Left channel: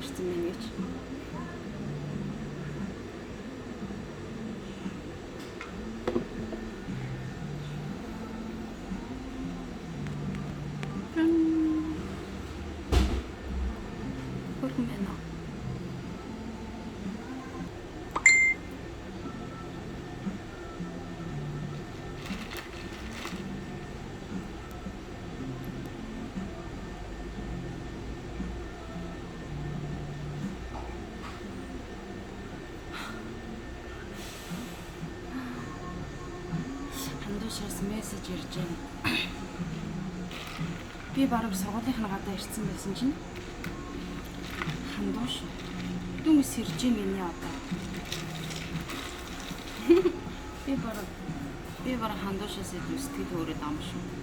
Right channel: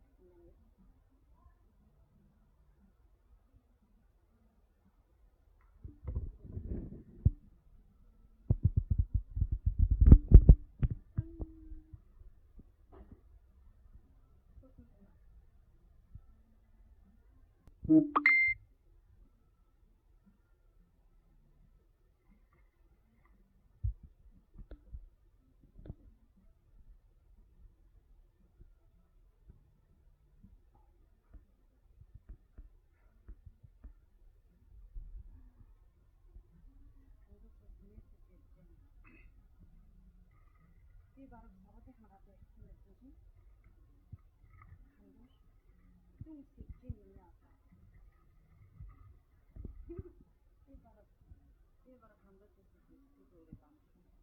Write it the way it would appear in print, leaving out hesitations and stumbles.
ирсэн байна гэж. Хөргөн байна уу? Хандуушаас мессеж ирж байна. Би бараг сургуулийнхаа гадаа ирсэн байсан чинь хандууш дүнс ирж юм гинэ одоо. Би бараг хандуушаас идэв сэтгэл өөрөө дам шүү.